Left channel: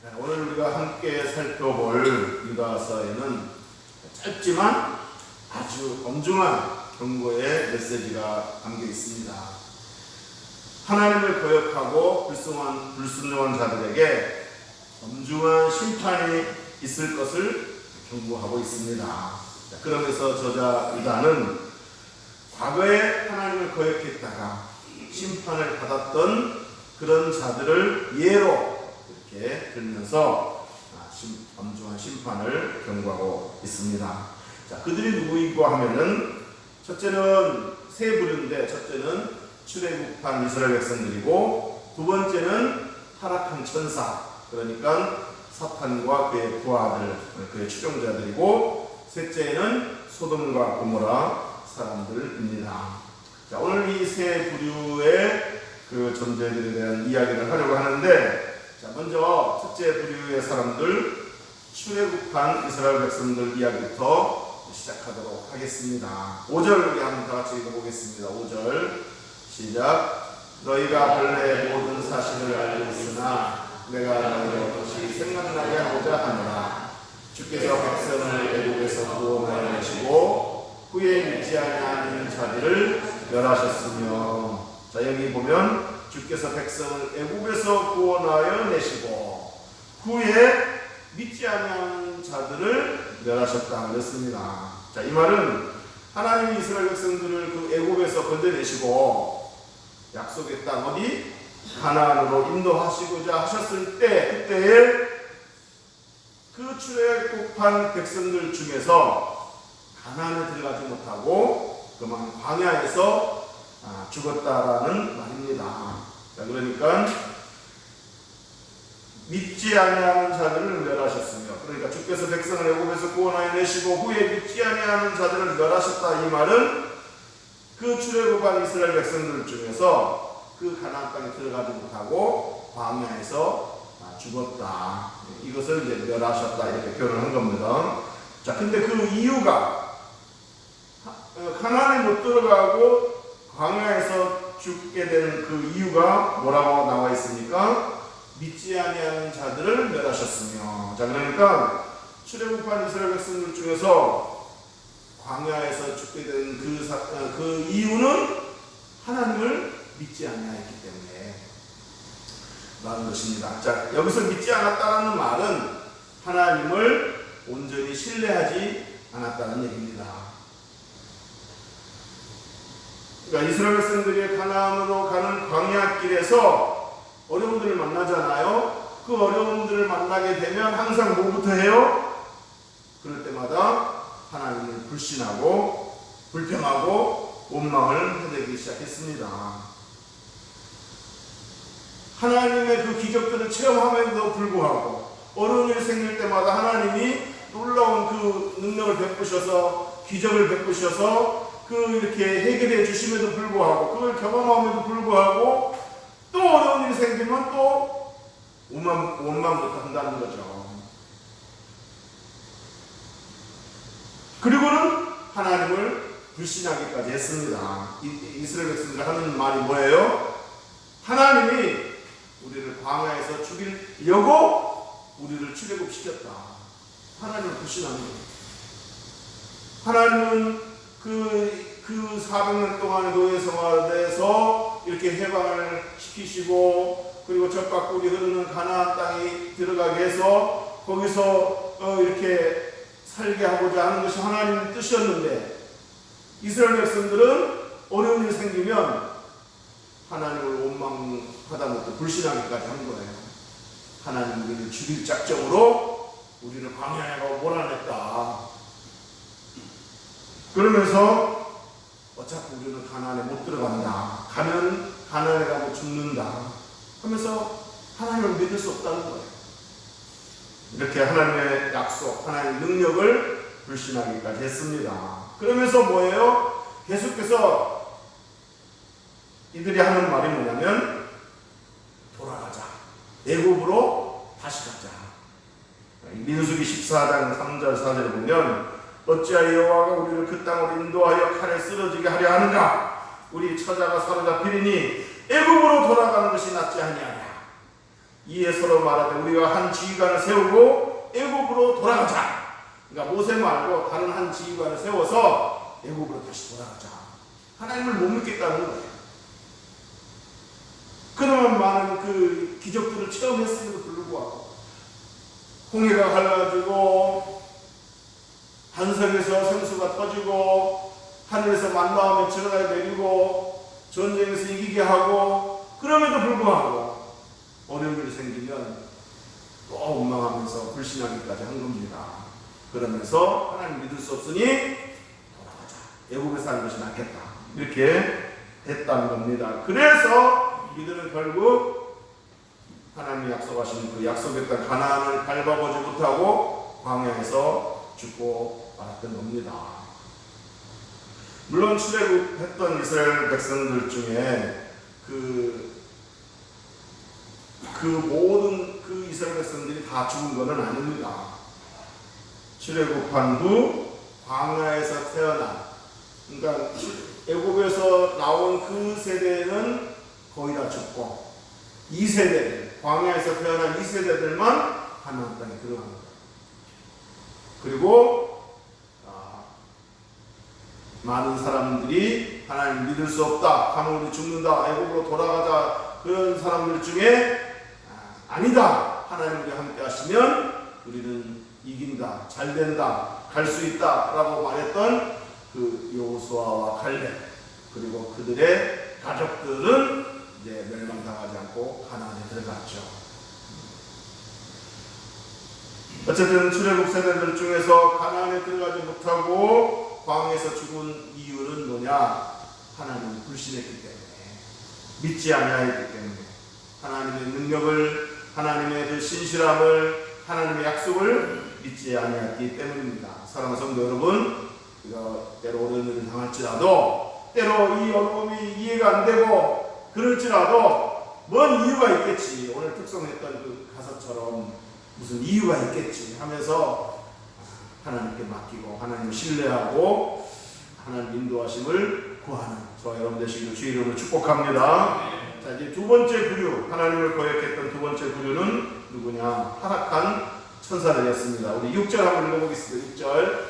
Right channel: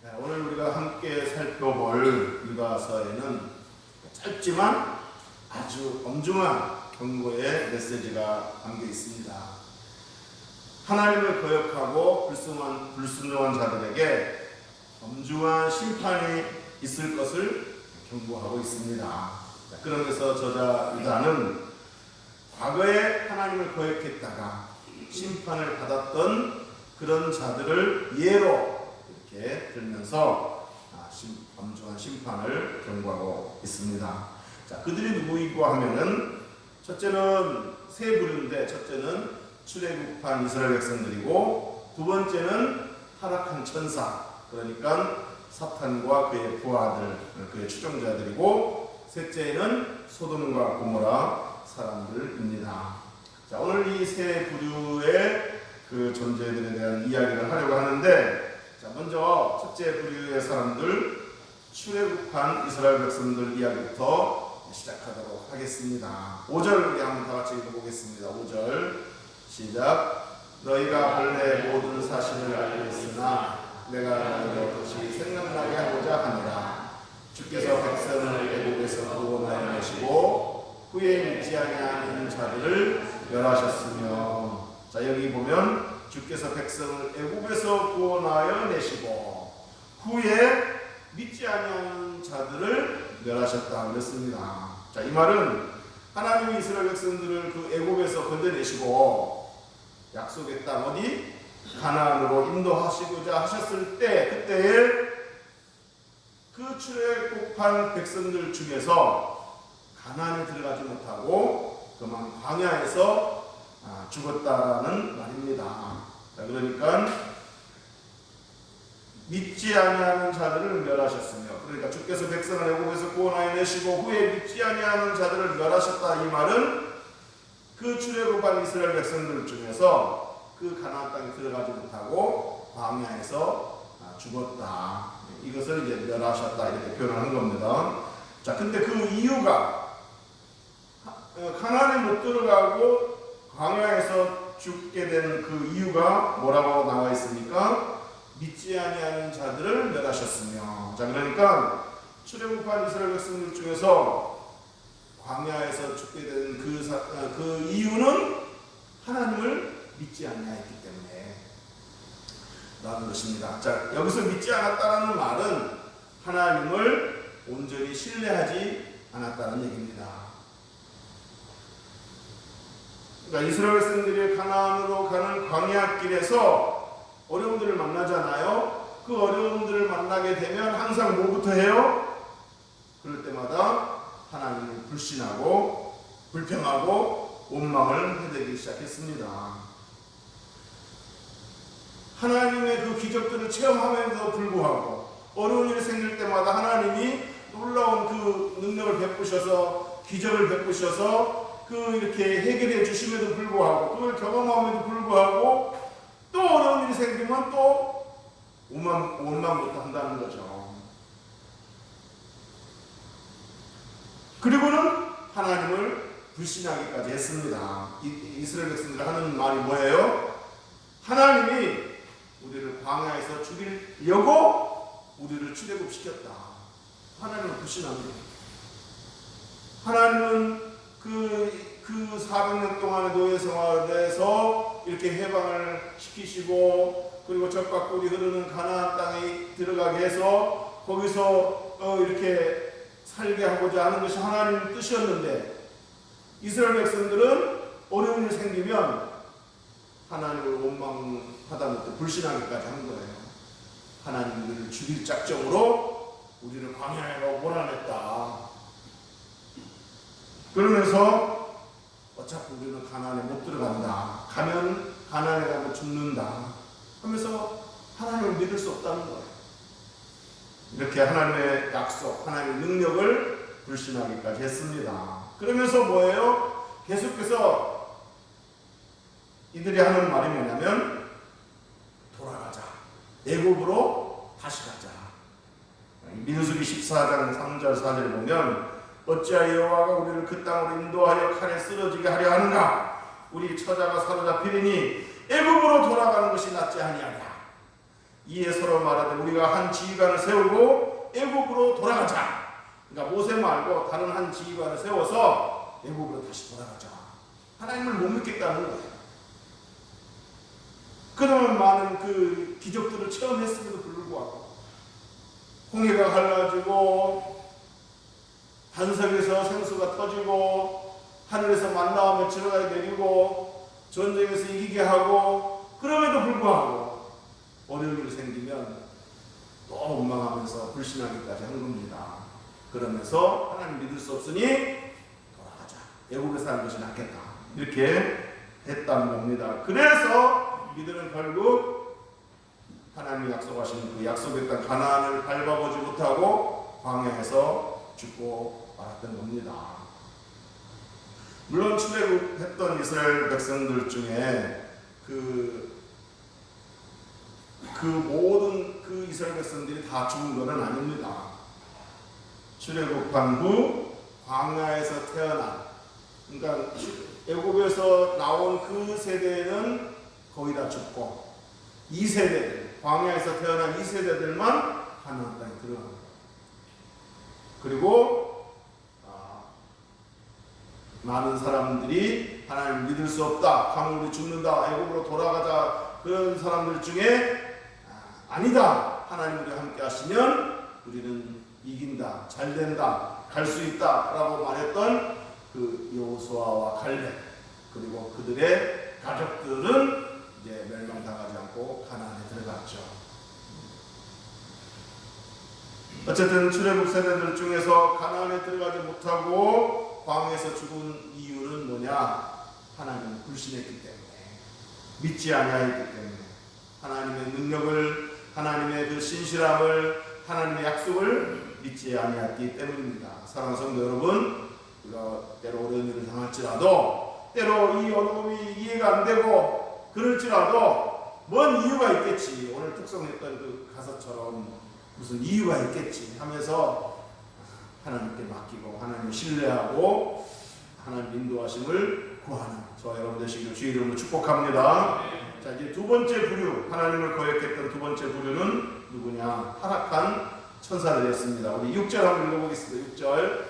오늘 우리가 함께 살펴볼 유다서에는 짧지만 아주 엄중한 경고의 메시지가 담겨 있습니다. 하나님을 거역하고 불순종한 자들에게 엄중한 심판이 있을 것을 경고하고 있습니다. 그러면서 저자 유다는 과거에 하나님을 거역했다가 심판을 받았던 그런 자들을 예로 이렇게 들면서 엄중한 심판을 경고하고 있습니다. 자, 그들이 누구이고 하면은 첫째는 세 부류인데, 첫째는 출애굽한 이스라엘 백성들이고, 두 번째는 타락한 천사, 그러니까 사탄과 그의 부하들, 그의 추종자들이고, 셋째는 소돔과 고모라 사람들입니다. 자, 오늘 이 세 부류의 그 존재들에 대한 이야기를 하려고 하는데, 자, 먼저 첫째 부류의 사람들, 출애굽한 이스라엘 백성들 이야기부터 시작하도록 하겠습니다. 5절 우리 한번 다 같이 읽어보겠습니다. 5절 시작. 너희가 본래 모든 사실을 알고 있으나 내가 너희를 다시 생각나게 하고자 하노라. 주께서 백성을 애국에서 구원하시고 후에 믿지 아니하는 자들을 멸하셨으며. 자, 여기 보면 주께서 백성을 애국에서 구원하여 내시고 후에 믿지 아니하는 자들을 멸하셨다 그랬습니다. 자, 이 말은 하나님이 이스라엘 백성들을 그 애국에서 건져내시고 약속의 땅 어디? 가나안으로 인도하시고자 하셨을 때, 그때에 그 출애굽한 백성들 중에서 가나안에 들어가지 못하고 그만 광야에서 죽었다라는 말입니다. 자, 그러니까 믿지 아니하는 자들을 멸하셨으며, 그러니까 주께서 백성을 애굽에서 구원하여 내시고 후에 믿지 아니하는 자들을 멸하셨다. 이 말은 그 출애굽한 이스라엘 백성들 중에서 그 가나안 땅에 들어가지 못하고 광야에서 죽었다. 이것을 이제 멸하셨다 이렇게 표현한 겁니다. 자, 근데 그 이유가 가나안에 못 들어가고 광야에서 죽게 된 그 이유가 뭐라고 나와 있습니까? 믿지 아니하는 자들을 멸하셨으며. 자, 그러니까 출애굽한 이스라엘 백성들 중에서 광야에서 죽게 된 그 이유는 하나님을 믿지 아니하였기 때문에 라는 것입니다. 자, 여기서 믿지 않았다는 말은 하나님을 온전히 신뢰하지 않았다는 얘기입니다. 그러니까 이스라엘 백성들이 가나안으로 가는 광야길에서 어려움들을 만나잖아요. 그 어려움들을 만나게 되면 항상 뭐부터 해요? 그럴 때마다 하나님을 불신하고 불평하고 원망을 해대기 시작했습니다. 하나님의 그 기적들을 체험함에도 불구하고 어려운 일이 생길 때마다 하나님이 놀라운 그 능력을 베푸셔서 기적을 베푸셔서 그 이렇게 해결해 주심에도 불구하고 그걸 경험함에도 불구하고 또 어려운 일이 생기면 또 원망부터 한다는 거죠. 그리고는 하나님을 불신하기까지 했습니다. 이스라엘 백성들 하는 말이 뭐예요? 하나님이 우리를 광야에서 죽이려고 우리를 출애굽시켰다. 하나님을 불신하는 거예요. 하나님은 그 400년 동안의 노예 생활에서 이렇게 해방을 시키시고 그리고 젖과 꿀이 흐르는 가나안 땅에 들어가게 해서 거기서 이렇게 살게 하고자 하는 것이 하나님의 뜻이었는데 이스라엘 백성들은 어려운 일이 생기면 하나님을 원망하다못해 불신하기까지 한 거예요. 하나님 우리를 죽일 작정으로 우리를 광야에 몰아냈다. 그러면서 어차피 우리는 가나안에 못 들어간다. 가면 가나안에 가면 죽는다. 하면서 하나님을 믿을 수 없다는 거예요. 이렇게 하나님의 약속, 하나님의 능력을 불신하기까지 했습니다. 그러면서 뭐예요? 계속해서 이들이 하는 말이 뭐냐면 돌아가자. 애굽으로 다시 가자. 민수기 14장 3절 4절을 보면 어찌하여 여호와가 우리를 그 땅으로 인도하여 칼에 쓰러지게 하려 하는가? 우리 처자가 사로잡히리니 애굽으로 돌아가는 것이 낫지 아니하냐. 이에 서로 말하되 우리가 한 지휘관을 세우고 애굽으로 돌아가자. 그러니까 모세 말고 다른 한 지휘관을 세워서 애굽으로 다시 돌아가자. 하나님을 못 믿겠다는 거예요. 그동안 많은 그 기적들을 체험했음에도 불구하고 홍해가 갈라지고 반석에서 생수가 터지고 하늘에서 만나와 며칠을 내리고 전쟁에서 이기게 하고 그럼에도 불구하고 어려움이 생기면 또 원망하면서 불신하기까지 한 겁니다. 그러면서 하나님 믿을 수 없으니 돌아가자. 애굽에 사는 것이 낫겠다. 이렇게 했다는 겁니다. 그래서 이들은 결국 하나님이 약속하신 그 약속의 땅 가나안을 밟아보지 못하고 광야에서 죽고 말았던 겁니다. 물론 출애굽했던 이스라엘 백성들 중에 그 모든 그 이스라엘 백성들이 다 죽은 것은 아닙니다. 출애굽한 후 광야에서 태어난, 그러니까 애굽에서 나온 그 세대는 거의 다 죽고 2세대들, 광야에서 태어난 2세대들만 가나안 땅에 들어간 거예요. 그리고 많은 사람들이 하나님 믿을 수 없다, 가면 우리 죽는다, 애굽으로 돌아가자, 그런 사람들 중에 아니다, 하나님 우리와 함께 하시면 우리는 이긴다, 잘 된다, 갈 수 있다 라고 말했던 그 여호수아와 갈렙, 그리고 그들의 가족들은 이제 멸망당하지 않고 가나안에 들어갔죠. 어쨌든 출애굽 세대들 중에서 가나안에 들어가지 못하고 광야에서 죽은 이유는 뭐냐? 하나님을 불신했기 때문에, 믿지 아니하였기 때문에, 하나님의 능력을, 하나님의 그 신실함을, 하나님의 약속을 믿지 아니하였기 때문입니다. 사랑하는 성도 여러분, 우리가 때로 어려운 일을 당할지라도, 때로 이 어려움이 이해가 안 되고 그럴지라도 뭔 이유가 있겠지, 오늘 특송했던 그 가사처럼 무슨 이유가 있겠지 하면서 하나님께 맡기고 하나님을 신뢰하고 하나님 인도하심을 구하는 저와 여러분 되시기를 주의 이름으로 축복합니다. 자, 이제 두 번째 부류, 하나님을 거역했던 두 번째 부류는 누구냐? 타락한 천사들이었습니다. 우리 6절 한번 읽어보겠습니다. 6절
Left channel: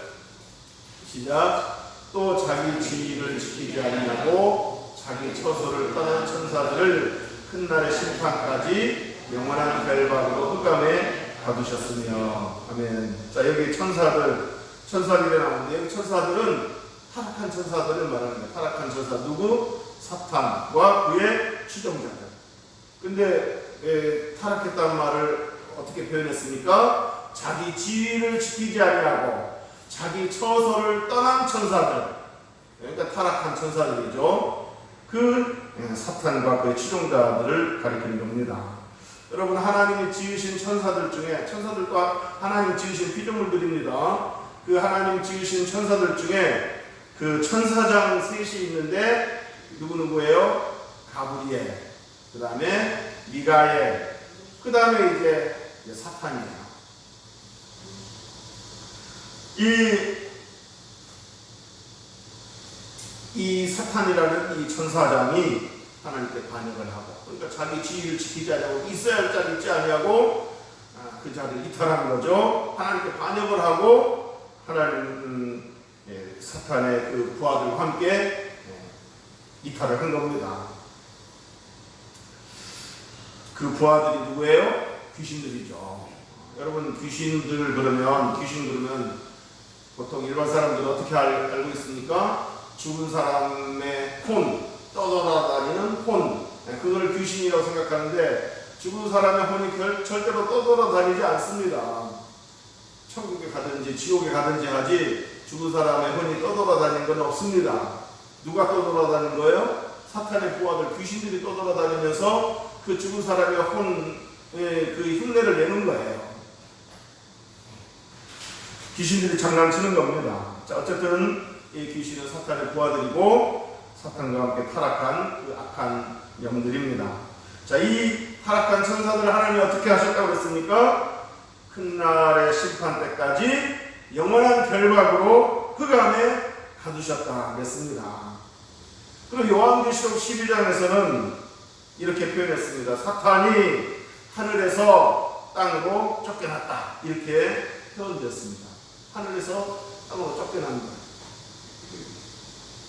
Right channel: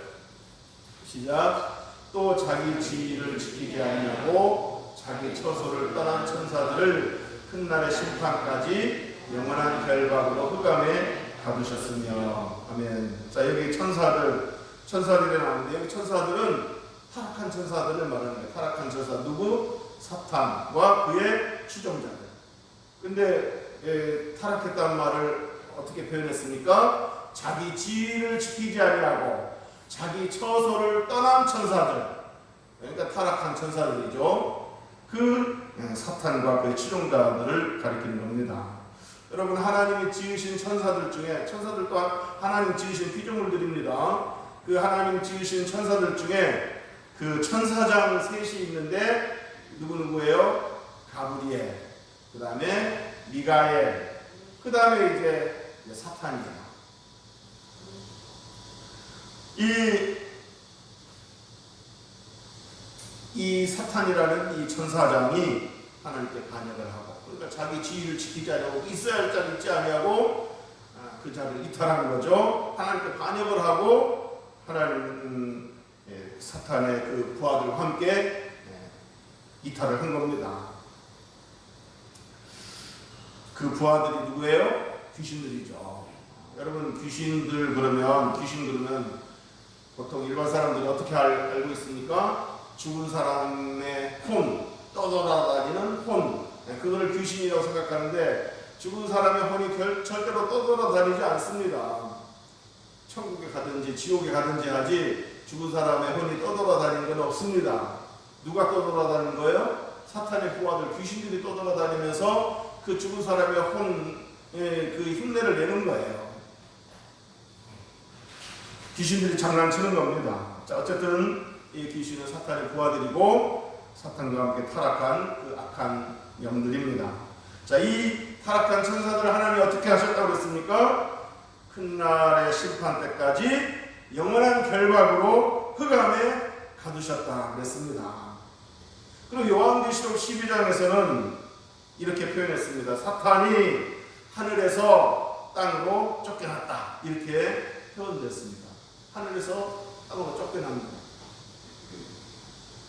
시작. 또 자기 지위를 지키지 아니하고 자기 처소를 떠난 천사들을 큰 날의 심판까지 영원한 결박으로 흑암에 가두셨으며. 아멘. 자, 여기 천사들이 나오는데, 여기 천사들은 타락한 천사들을 말하는 거예요. 타락한 천사 누구? 사탄과 그의 추종자들. 근데 타락했다는 말을 어떻게 표현했습니까? 자기 지위를 지키지 아니하고 자기 처소를 떠난 천사들. 그러니까 타락한 천사들이죠. 그 사탄과 그의 추종자들을 가리키는 겁니다. 여러분, 하나님이 지으신 천사들 중에, 천사들 또한 하나님 지으신 피조물들입니다. 그 하나님 지으신 천사들 중에 그 천사장 셋이 있는데 누구예요? 가브리엘, 그 다음에 미가엘, 그 다음에 이제 사탄이에요. 이 사탄이라는 이 천사장이 하나님께 반역을 하고, 그러니까 자기 지위를 지키지 않고 있어야 할 자리 있지 아니하고 그 자리를 이탈하는 거죠. 하나님께 반역을 하고 하나님 사탄의 그 부하들과 함께 이탈을 한 겁니다. 그 부하들이 누구예요? 귀신들이죠. 여러분, 귀신들 그러면 보통 일반 사람들은 어떻게 알고 있습니까? 죽은 사람의 혼, 떠돌아다니는 혼, 그걸 귀신이라고 생각하는데, 죽은 사람의 혼이 절대로 떠돌아다니지 않습니다. 천국에 가든지 지옥에 가든지 하지 죽은 사람의 혼이 떠돌아다니는 건 없습니다. 누가 떠돌아다니는 거예요? 사탄의 부하들, 귀신들이 떠돌아다니면서 그 죽은 사람의 혼의 그 흉내를 내는 거예요. 귀신들이 장난치는 겁니다. 자, 어쨌든 이 귀신은 사탄의 부하들이고 사탄과 함께 타락한 그 악한 영들입니다. 자, 이 타락한 천사들을 하나님이 어떻게 하셨다고 그랬습니까? 큰 날의 심판 때까지 영원한 결박으로 흑암에 가두셨다 그랬습니다. 그리고 요한계시록 12장에서는 이렇게 표현했습니다. 사탄이 하늘에서 땅으로 쫓겨났다. 이렇게 표현되었습니다. 하늘에서 땅으로 쫓겨난 거예요.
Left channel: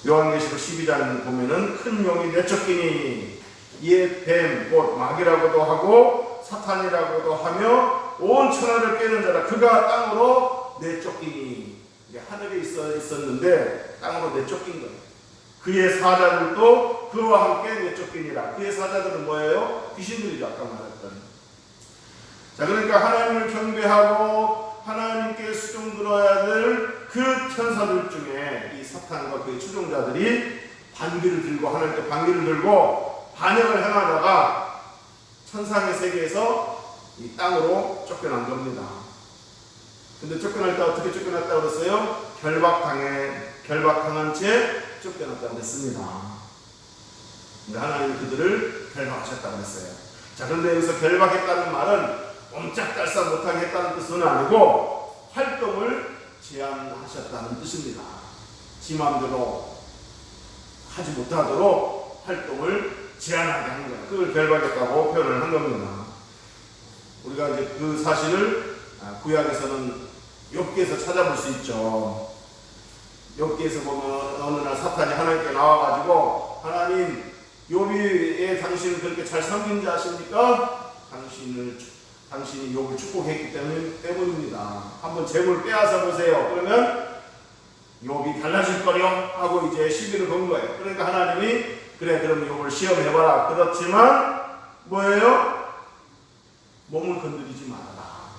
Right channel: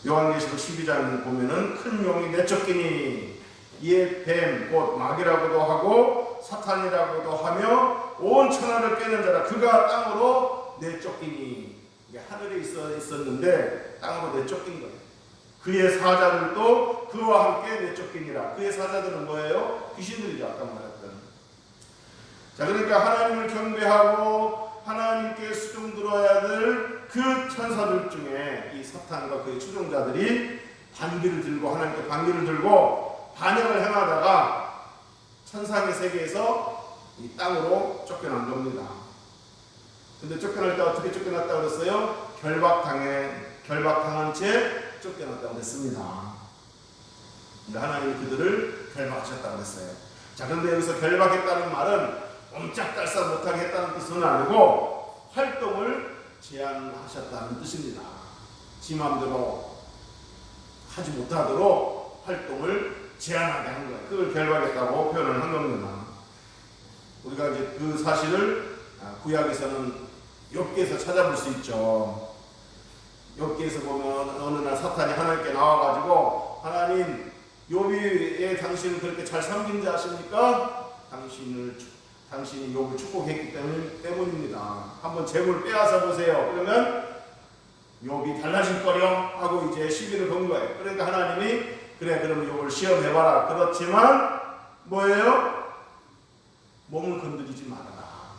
요한계시록 12장 보면은 큰 용이 내쫓기니 이에 뱀, 곧 마귀라고도 하고 사탄이라고도 하며 온 천하를 깨는 자라 그가 땅으로 내쫓기니. 이게 하늘에 있었는데 땅으로 내쫓긴 거예요. 그의 사자들도 그와 함께 내쫓기니라. 그의 사자들은 뭐예요? 귀신들이죠. 아까 말했던. 자, 그러니까 하나님을 경배하고 하나님께 수종 들어야 될 그 천사들 중에 이 사탄과 그의 추종자들이 반기를 들고 하나님께 반기를 들고 반역을 행하다가 천상의 세계에서 이 땅으로 쫓겨난 겁니다. 근데 쫓겨날 때 어떻게 쫓겨났다고 그랬어요? 결박당한 채 쫓겨났다고 그랬습니다. 근데 하나님이 그들을 결박하셨다고 그랬어요. 자, 그런데 여기서 결박했다는 말은 옴짝달싹 못하게 했다는 뜻은 아니고 활동을 제한하셨다는 뜻입니다. 지 마음대로 하지 못하도록 활동을 제한하게 한 거예요. 그걸 결박했다고 표현을 한 겁니다. 우리가 이제 그 사실을 구약에서는 욥기에서 찾아볼 수 있죠. 욥기에서 보면 어느 날 사탄이 하나님께 나와가지고 하나님, 욥이 당신을 그렇게 잘 섬긴 자 아십니까? 당신이 욥을 축복했기 때문입니다. 한번 재물 빼앗아 보세요. 그러면 욥이 달라질 거려 하고 이제 시비를 건 거예요. 그러니까 하나님이 그래 그럼 욥을 시험해봐라. 그렇지만 뭐예요? 몸을 건드리지 말아라.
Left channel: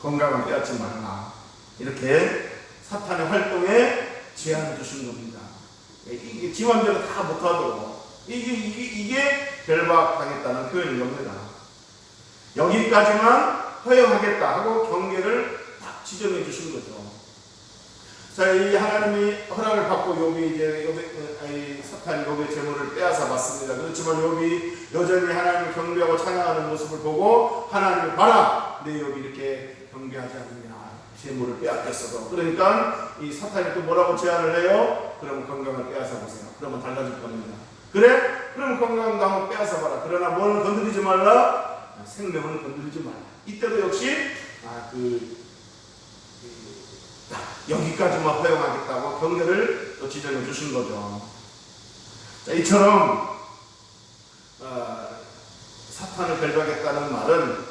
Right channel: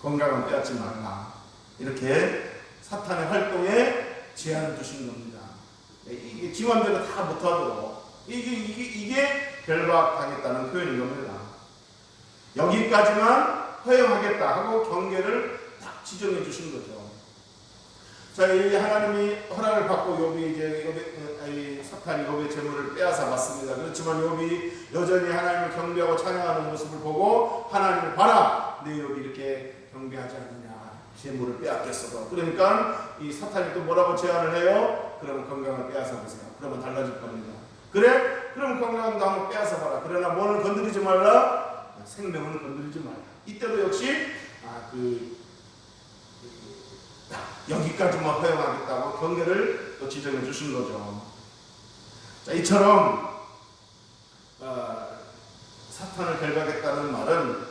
건강은 빼앗지 말아라. 이렇게 사탄의 활동에 제한을 두신 겁니다. 이게 지 맘대로 다 못하도록 이게 결박당했다는 표현인 겁니다. 여기까지만 허용하겠다 하고 경계를 딱 지정해 주신 거죠. 자, 이 하나님이 허락을 받고 욥이 이제 사탄이 욥의 재물을 빼앗아 봤습니다. 그렇지만 욥이 여전히 하나님을 경배하고 찬양하는 모습을 보고 하나님을 봐라, 내 욥이 이렇게 경배하지 않느냐, 재물을 빼앗겼어도. 그러니까 이 사탄이 또 뭐라고 제안을 해요? 그러면 건강을 빼앗아 보세요. 그러면 달라질 겁니다. 그래? 그럼 건강도 한번 빼앗아 봐라. 그러나 뭐를 건드리지 말라? 생명을 건드리지 말라. 이때도 역시 여기까지만 허용하겠다고 경계를 또 지정해 주신 거죠. 자, 이처럼 사탄을 결박했다는 말은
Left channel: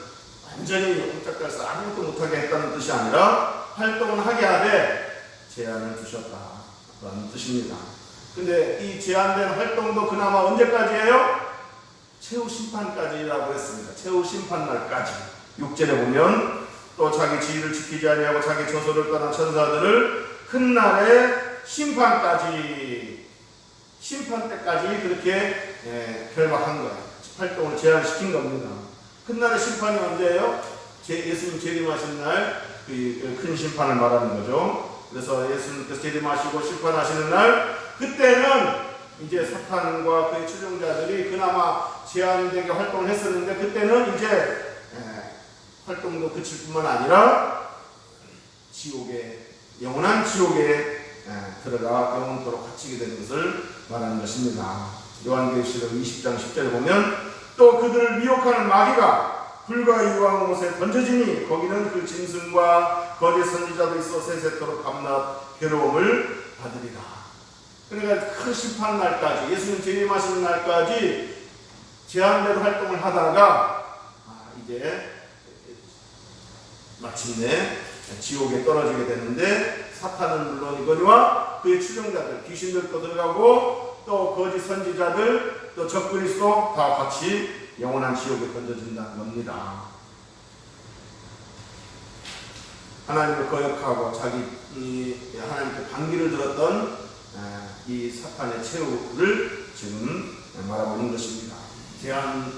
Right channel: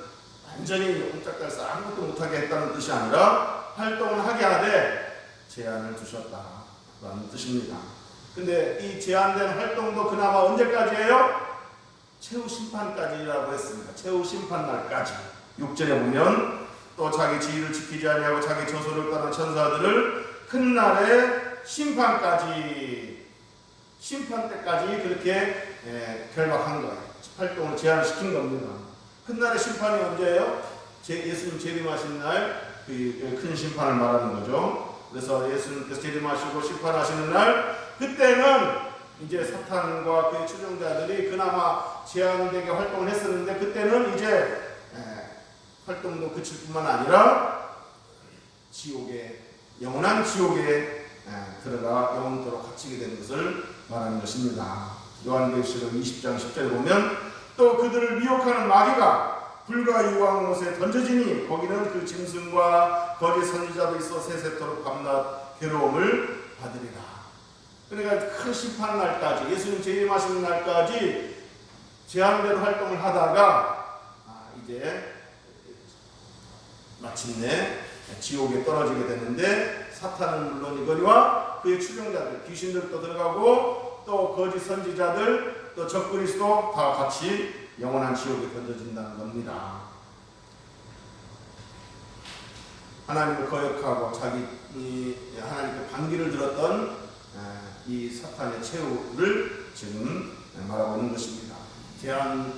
완전히 옴짝달싹 아무것도 못하게 했다는 뜻이 아니라 활동을 하게 하되 제한을 두셨다라는 뜻입니다. 근데 이 제한된 활동도 그나마 언제까지예요? 최후 심판까지라고 했습니다. 최후 심판날까지. 6절에 보면 또 자기 지위를 지키지 아니하고 자기 저소를 떠난 천사들을 큰 날의 심판까지, 심판 때까지 그렇게 결박한 거예요. 활동을 제한시킨 겁니다. 큰 날의 심판이 언제예요? 예수님 재림하신 날 그 큰 심판을 말하는 거죠. 그래서 예수님께서 재림하시고 심판하시는 날, 그때는 이제 사탄과 그의 추종자들이 그나마 제한되게 활동을 했었는데 그때는 이제 활동도 그칠 뿐만 아니라 지옥에, 영원한 지옥에 들어가 영원토록 갇히게 되는 것을 말하는 것입니다. 요한계시록 20장 10절에 보면 또 그들을 미혹하는 마귀가 불과 유황 곳에 던져지니 거기는 그 짐승과 거짓 선지자도 있어 세세토록 밤낮 괴로움을 받으리라. 그러니까 큰 심판 날까지, 예수님 재림하시는 날까지 제한대로 활동을 하다가 이제 마침내 지옥에 떨어지게 되는데, 사탄은 물론이거니와 그의 추종자들, 귀신들도 들어가고 또 거짓 선지자들, 또 적그리스도 다 같이 영원한 지옥에 던져진다는 겁니다. 하나님을 거역하고 하나님께 반기를 들었던 이 사탄의 최후를 지금 말하고 있는 것입니다. 제한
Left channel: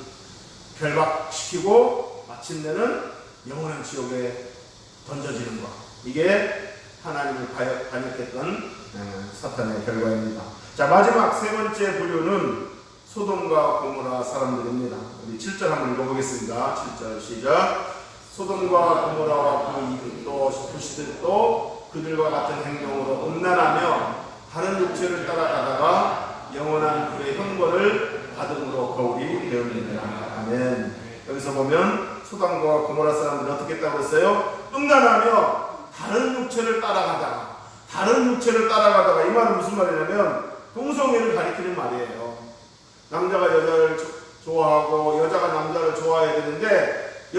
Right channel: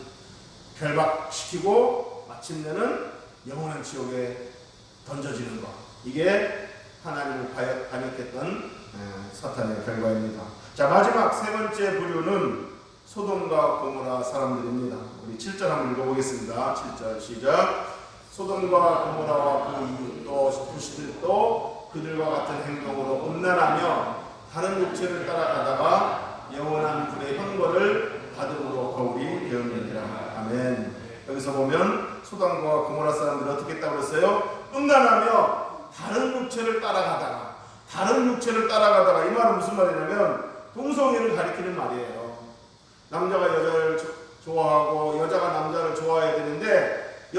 결박시키고 마침내는 영원한 지옥에 던져지는 것, 이게 하나님을 반역했던 사탄의 결과입니다. 자, 마지막 세 번째 부류는 소돔과 고모라 사람들입니다. 우리 7절 한번 읽어보겠습니다. 7절 시작. 소돔과 고모라와 그 이웃도 부시들도 그들과 같은 행동으로 음란하며 다른 육체를 따라가다가 영원한 불의 형벌을 받음으로 거울이 되었느니라. 아멘. 여기서 보면 소돔과 고모라 사람들이 어떻게 했다고 했어요? 음란하며 다른 육체를 따라가다가 이 말은 무슨 말이냐면 동성애를 가리키는 말이에요. 남자가 여자를 좋아하고 여자가 남자를 좋아해야 되는데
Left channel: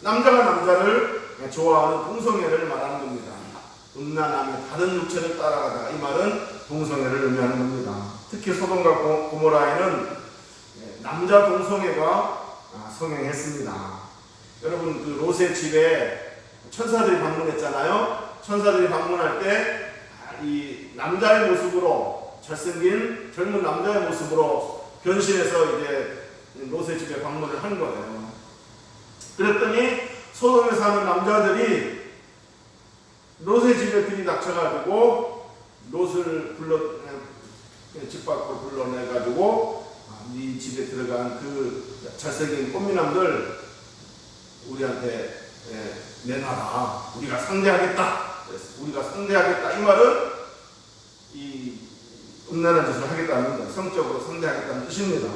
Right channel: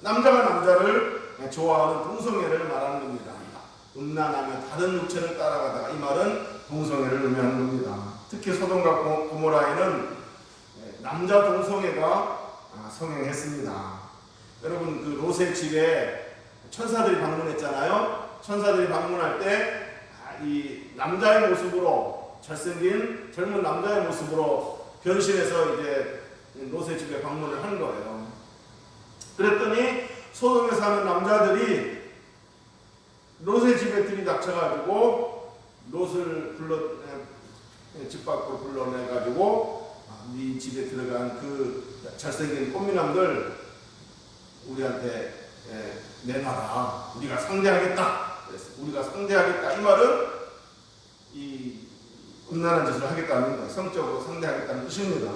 남자가 남자를 좋아하는 동성애를 말하는 겁니다. 음란하며 다른 육체를 따라가다가 이 말은 동성애를 의미하는 겁니다. 특히 소돔과 고모라에는 남자 동성애가 성행했습니다. 여러분 그 롯의 집에 천사들이 방문했잖아요. 천사들이 방문할 때 이 남자의 모습으로 잘생긴 젊은 남자의 모습으로 변신해서 이제 롯의 집에 방문을 한 거예요. 그랬더니 소돔에 사는 남자들이 롯의 집에 들이닥쳐가지고 롯을 집 밖으로 불러내가지고 네 집에 들어간 그 잘생긴 꽃미남들 우리한테 내놔라. 우리가 상대하겠다. 이 말은 이 음란한 짓을 하겠다는 것, 성적으로 상대하겠다는 뜻입니다.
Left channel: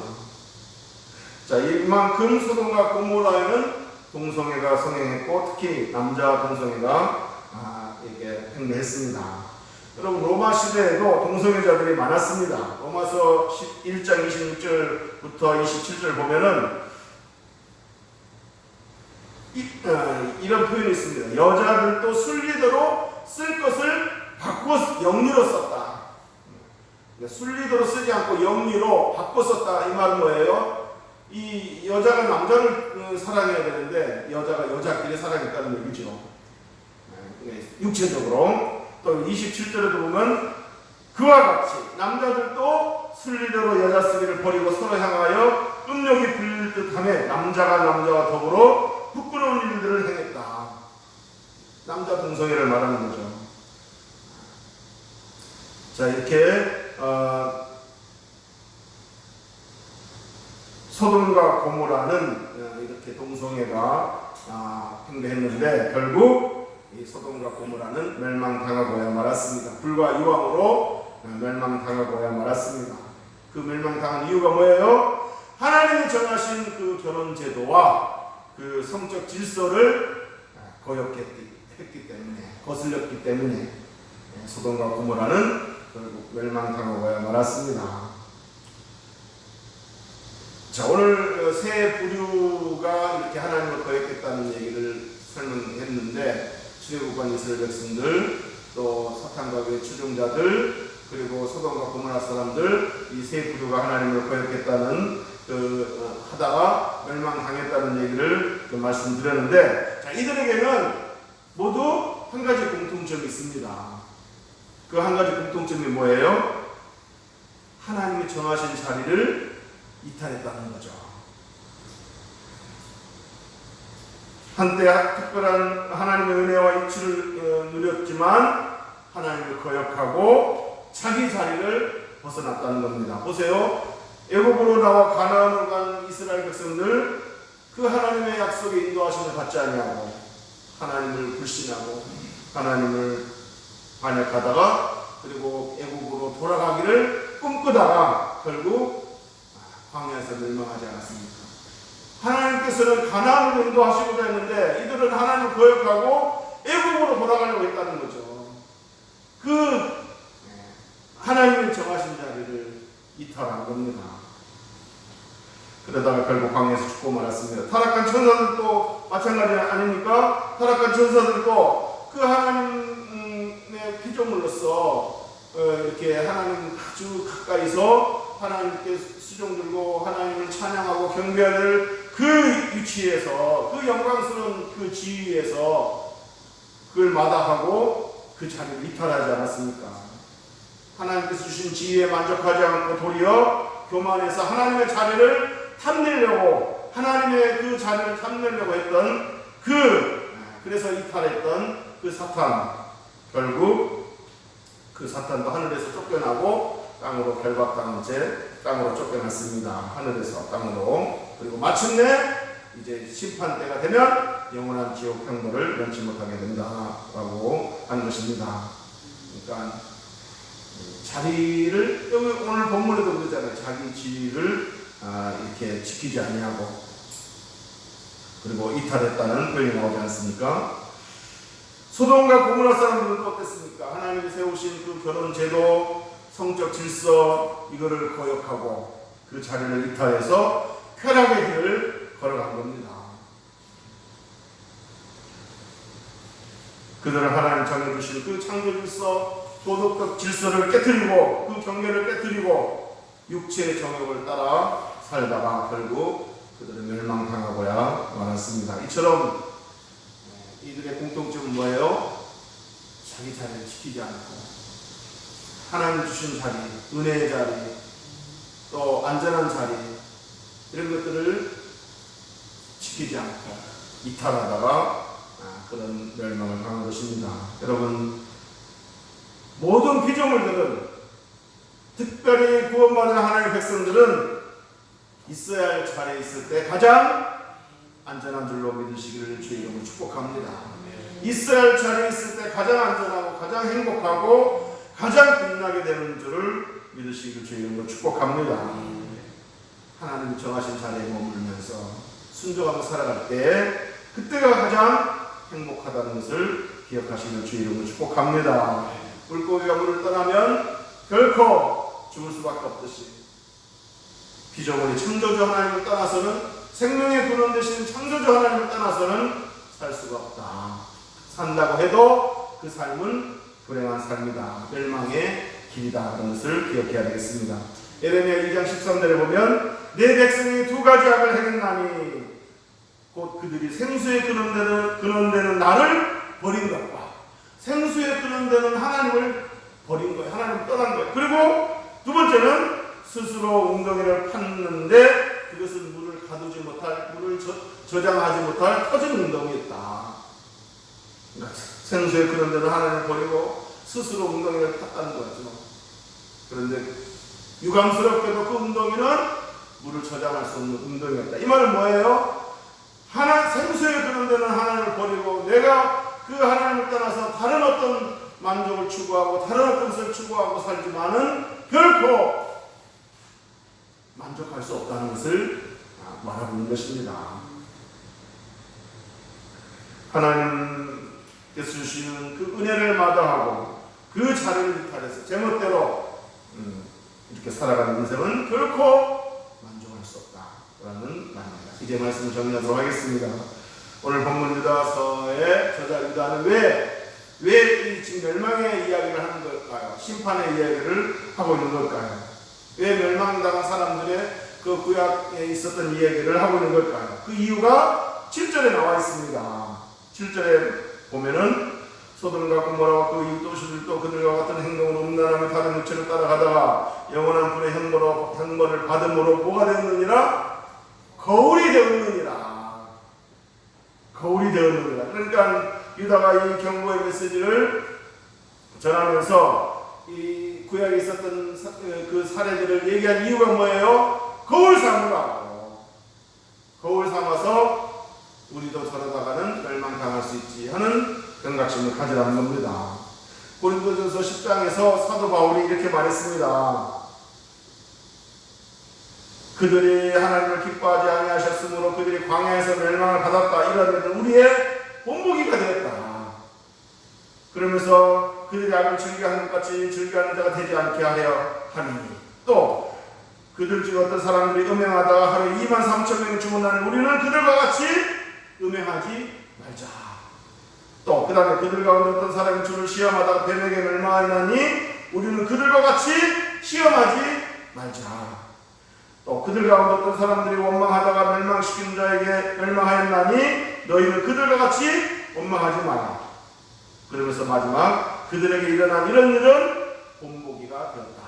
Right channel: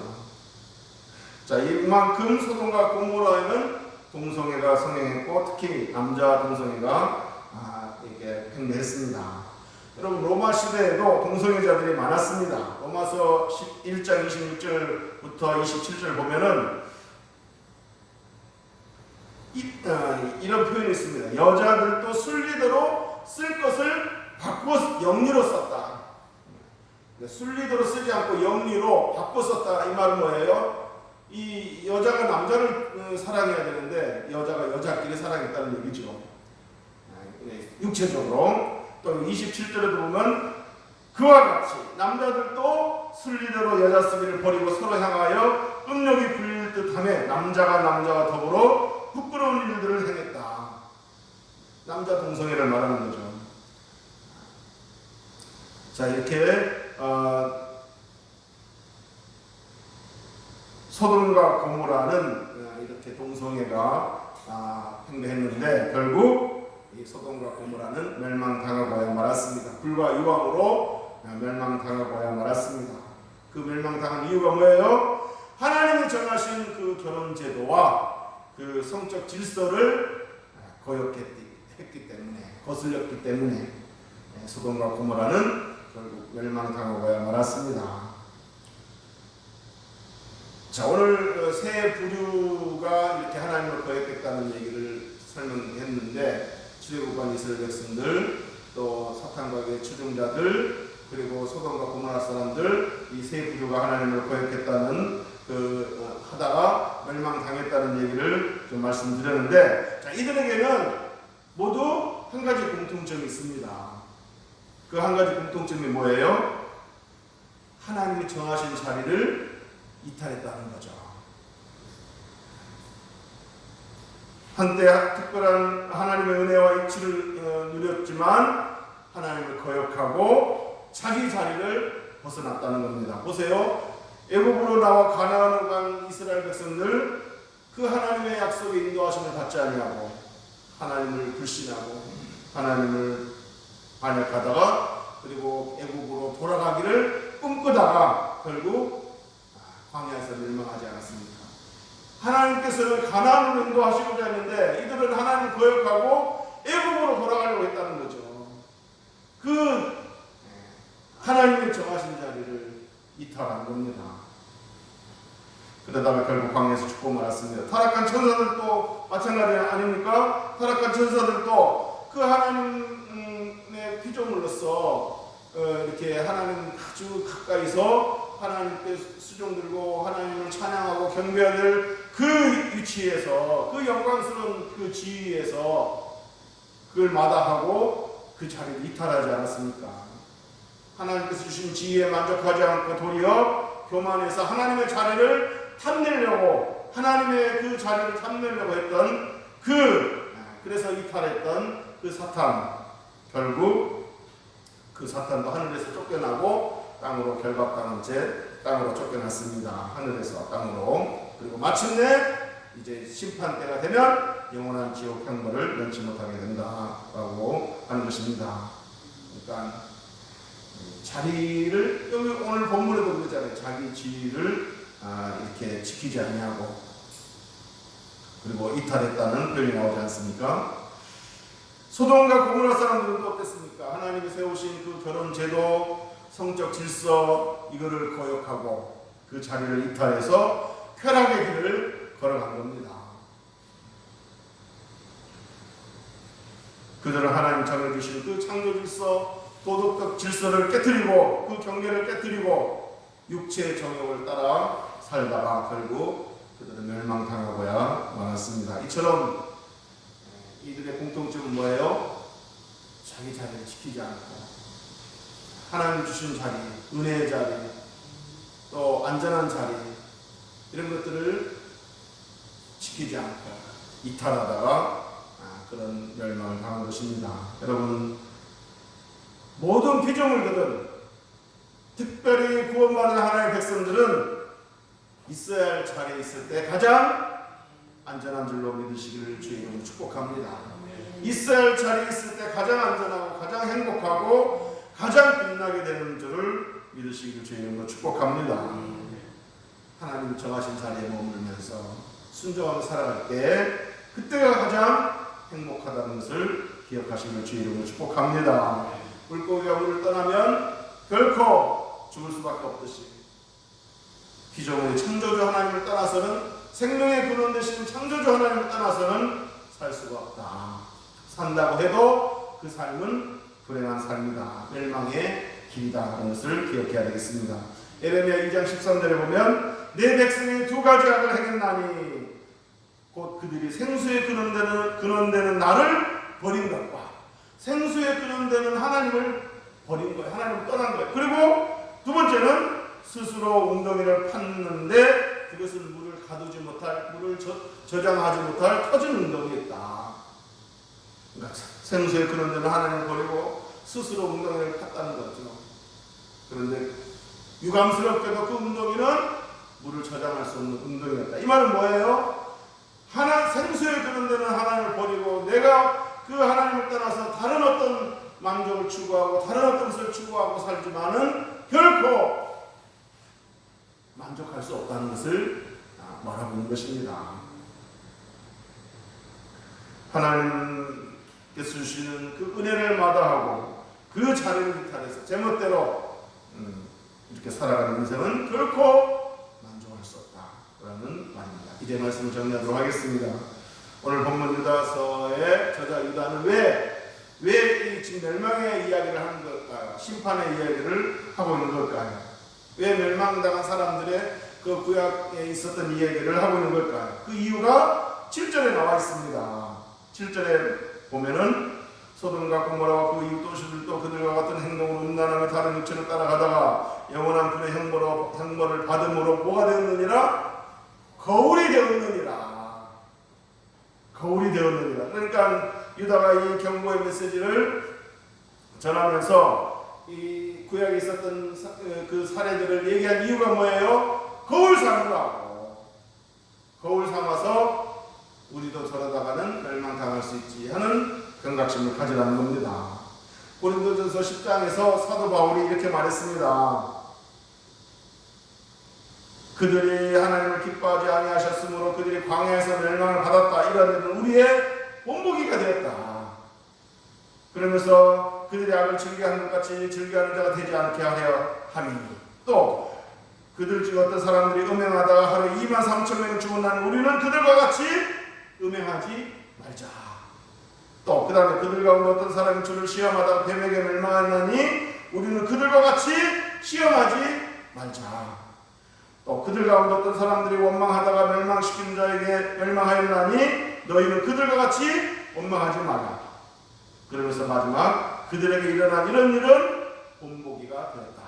자, 이만큼 소돔과 고모라에는 동성애가 성행했고 특히 남자 동성애가 이게 횡행했습니다. 여러분 로마 시대에도 동성애자들이 많았습니다. 로마서 1장 26절부터 27절 보면은 이런 표현이 있습니다. 여자들도 순리대로 쓸 것을 바꾸어 영리로 썼다. 순리대로 쓰지 않고 영리로 바꿔 썼다. 이 말은 뭐예요? 이 여자가 남자를 사랑해야 되는데 여자가 여자끼리 사랑했다는 얘기죠. 육체적으로. 또 27절에도 보면 그와 같이 남자들도 순리대로 여자 쓰기를 버리고 서로 향하여 음욕이 불릴 듯하며 남자가 남자와 더불어 부끄러운 일들을 행했다. 남자 동성애를 말하는 거죠. 자, 이렇게 소돔과 고모라는 이렇게 동성애가 횡행했는데 결국 이 소돔과 고모라는 멸망당하고야 말았습니다. 불과 유황으로 멸망당하고야 말았습니다. 그 멸망당한 이유가 뭐예요? 하나님이 정하신 그 결혼 제도와 그 성적 질서를 거역했기 때문에, 거슬렸기 때문에 소돔과 고모라는 결국 멸망당하고야 말았습니다. 자, 오늘 세 부류가 이렇게 하나님을 거역했다는 얘기를 설명했는데 출애굽한 이스라엘 백성들, 또 사탄과 그의 추종자들, 그리고 소돔과 고모라 사람들, 이 세 부류가 하나님을 거역했다는 하다가 멸망당했다는 얘기를 좀 말씀드렸는데, 자, 이들에게는 모두 한 가지 공통점이 있습니다. 그 한 가지 공통점이 뭐예요? 하나님이 정하신 자리를 이탈했다는 거죠. 한때 특별한 하나님의 은혜와 이치를 누렸지만 하나님을 거역하고 자기 자리를 벗어났다는 겁니다. 보세요. 애굽으로 나와 가나안으로 간 이스라엘 백성들, 그 하나님의 약속의 인도하심을 받지 아니하고 하나님을 불신하고 하나님을 반역하다가 그리고 애굽으로 돌아가기를 꿈꾸다가 결국 광야에서 멸망하지 않았습니까? 하나님께서는 가나안으로 인도하시고자 했는데 이들은 하나님을 거역하고 애굽으로 돌아가려고 했다는 거죠. 그 하나님의 정하신 자리를 이탈한 겁니다. 그러다가 결국 광야에서 죽고 말았습니다. 타락한 천사들도 마찬가지 아닙니까? 타락한 천사들도 그 하나님의 피조물로서 이렇게 하나님 아주 가까이서 하나님께 수종 들고 하나님을 찬양하고 경배해야 될 그 위치에서, 그 영광스러운 그 지위에서 그걸 마다하고 그 자리를 이탈하지 않았습니까? 하나님께서 주신 지위에 만족하지 않고 도리어 교만해서 하나님의 자리를 탐내려고, 하나님의 그 자리를 탐내려고 했던 그래서 이탈했던 그 사탄, 결국 그 사탄도 하늘에서 쫓겨나고 땅으로 결박당한 채 땅으로 쫓겨났습니다. 하늘에서 땅으로. 그리고 마침내 이제 심판 때가 되면 영원한 지옥 형벌을 면치 못하게 된다라고 하는 것입니다. 그러니까 자리를, 여기 오늘 본문에도 그러잖아요. 자기 지위를 이렇게 지키지 아니하고 그리고 이탈했다는 표현이 나오지 않습니까? 소돔과 고모라 사람들은 또 어땠습니까? 하나님이 세우신 그 결혼 제도, 성적 질서 이거를 거역하고 그 자리를 이탈해서 쾌락의 길을 걸어간 겁니다. 그들은 하나님 정해주신 그 창조 질서, 도덕적 질서를 깨뜨리고 그 경계를 깨뜨리고 육체의 정욕을 따라 살다가 결국 그들은 멸망당하고야 말았습니다. 이처럼 이들의 공통점은 뭐예요? 자기 자리를 지키지 않고 하나님 주신 자리, 은혜의 자리, 또 안전한 자리 이런 것들을 지키지 않고 이탈하다가 그런 멸망을 당한 것입니다. 여러분, 모든 피조물들은 특별히 구원받은 하나님의 백성들은 있어야 할 자리에 있을 때 가장 안전한 줄로 믿으시기를 주의 이름으로 축복합니다. 있어야 할 자리에 있을 때 가장 안전하고 가장 행복하고 가장 빛나게 되는 줄을 믿으시기를 주의 이름으로 축복합니다. 하나님이 정하신 자리에 머물면서 순종하며 살아갈 때 그때가 가장 행복하다는 것을 기억하시면 주의 이름으로 축복합니다. 물고기가 물을 떠나면 결코 죽을 수밖에 없듯이 피조물이 창조주 하나님을 떠나서는 생명의 근원 되신 창조주 하나님을 떠나서는 살 수가 없다. 산다고 해도 그 삶은 불행한 삶이다. 멸망의 길이다. 그런 것을 기억해야 되겠습니다. 에레미야 2장 13절에 보면 내 백성이 두 가지 악을 행했나니 곧 그들이 생수에 근원되는 나를 버린 것과 생수에 근원되는 하나님을 버린 거예요. 하나님을 떠난 거예요. 그리고 두 번째는 스스로 웅덩이를 팠는데 그것은 물을 가두지 못할, 물을 저장하지 못할 터진 웅덩이였다. 그러니까 생수에 근원되는 하나님을 버리고 스스로 웅덩이를 팠다는 거죠. 그런데 유감스럽게도 그 웅덩이는 물을 저장할 수 없는 웅덩이였다. 이 말은 뭐예요? 생수에 근원되는 하나님을 버리고 내가 그 하나님을 떠나서 다른 어떤 만족을 추구하고 다른 어떤 것을 추구하고 살지만은 결코 만족할 수 없다는 것을 말하고 있는 것입니다. 하나님께서 주시는 그 은혜를 마다하고 그 자리를 이탈해서 제멋대로 이렇게 살아가는 인생은 결코 만족할 수 없다라는 말입니다. 이제 말씀을 정리하도록 하겠습니다. 오늘 본문 유다서의 저자 유다는 왜 이 지금 멸망의 이야기를 하는 걸까요? 심판의 이야기를 하고 있는 걸까요? 왜 멸망당한 사람들의 그 구약에 있었던 이야기를 하고 있는 걸까요? 그 이유가 7절에 나와 있습니다. 7절에 보면은 소돔과 고모라와 그 이웃 도시들도 그들과 같은 행동으로 음란하며 다른 육체를 따라가다가 영원한 불의 형벌을 받음으로 뭐가 되었느니라? 거울이 되었느니라. 거울이 되었느니라. 그러니까 유다가 이 경고의 메시지를 전하면서 이 구약에 있었던 그 사례들을 얘기한 이유가 뭐예요? 거울 삼으라고. 거울 삼아서 우리도 저러다가는 멸망당할 수 있지 하는 경각심을 가지라는 겁니다. 고린도전서 10장에서 사도 바울이 이렇게 말했습니다. 그들이 하나님을 기뻐하지 아니하셨으므로 그들이 광야에서 멸망을 받았다. 이런 일은 우리의 본보기가 되었다. 그러면서 그들이 악을 즐겨하는 것 같이 즐겨하는 자가 되지 않게 하려 하니 또 그들 중 어떤 사람들이 음행하다가 하루 23,000명이 죽었나니 우리는 그들과 같이 음행하지 말자. 또 그 다음에 그들 가운데 어떤 사람이 주를 시험하다가 뱀에게 멸망하나니 우리는 그들과 같이 시험하지 말자. 또 그들 가운데 어떤 사람들이 원망하다가 멸망시키는 자에게 멸망하였나니 너희는 그들과 같이 원망하지 마라. 그러면서 마지막 그들에게 일어난 이런 일은 본보기가 되었다.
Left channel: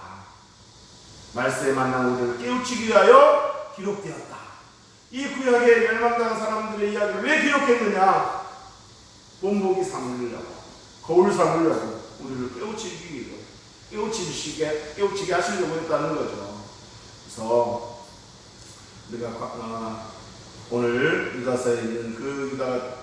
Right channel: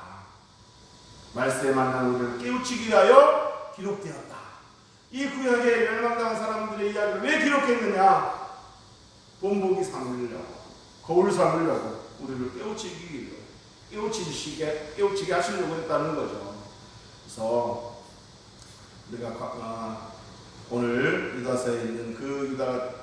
말세에 만난 우리를 깨우치기 위하여 기록되었다. 이 구약에 멸망당한 사람들의 이야기를 왜 기록했느냐? 본보기 삼으려고, 거울 삼으려고, 우리를 깨우치기 위해 깨우치게 하시려고 했다는 거죠. 그래서 우리가 오늘 유다서에 있는 그 유다가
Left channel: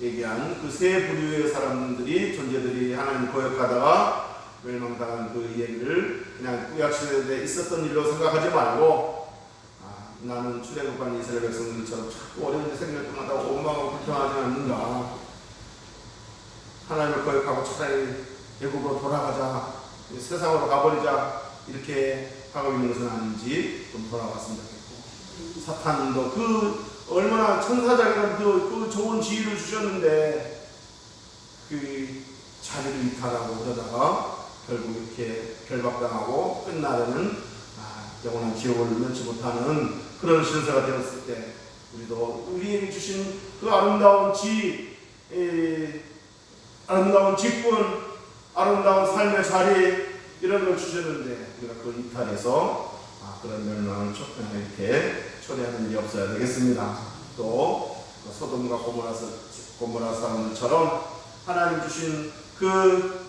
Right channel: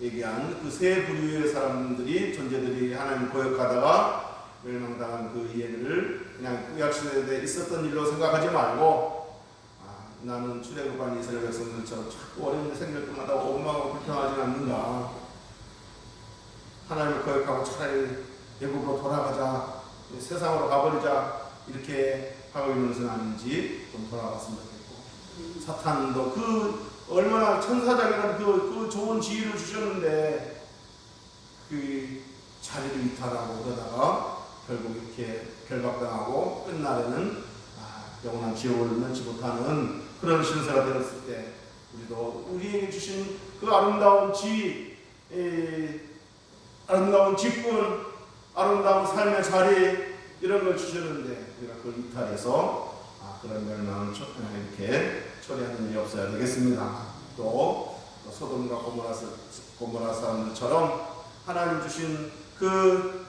얘기한 그 세 부류의 사람들이 존재들이 하나님 거역하다가 멸망당한 그 이야기를 그냥 구약시대에 있었던 일로 생각하지 말고 나는 출애굽한 이스라엘 백성들처럼 자꾸 어려운 일 생길 때마다 원망하고 불평하지 않는가. 하나님을 거역하고 차라리 애굽으로 돌아가자, 세상으로 가버리자 이렇게 하고 있는 것은 아닌지 좀 돌아봤으면 좋겠고, 사탄도 그 얼마나 천사장이라는 그 좋은 지위를 주셨는데 그 자리를 이탈하고 그러다가 결국 이렇게 결박당하고 끝나려는 영원한 지옥을 면치 못하는 그런 신세가 되었을 때, 우리도 우리에게 주신 그 아름다운 아름다운 직분, 아름다운 삶의 자리 이런 걸 주셨는데 우리가 그걸 이탈해서 그런 멸망을 이렇게 처리하는 일이 없어야 되겠습니다. 또 소돔과 고모라 사람들처럼 하나님 주신 그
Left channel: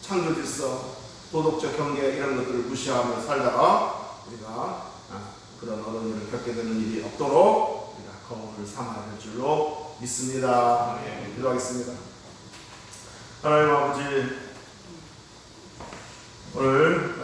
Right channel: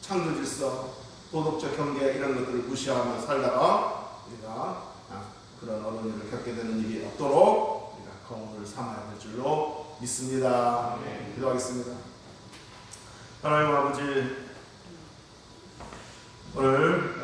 창조 질서, 도덕적 경계 이런 것들을 무시하며 살다가 우리가 그런 어려운 일을 겪게 되는 일이 없도록 우리가 거울을 삼아야 될 줄로 믿습니다. 기도하겠습니다. 하나님 아버지, 오늘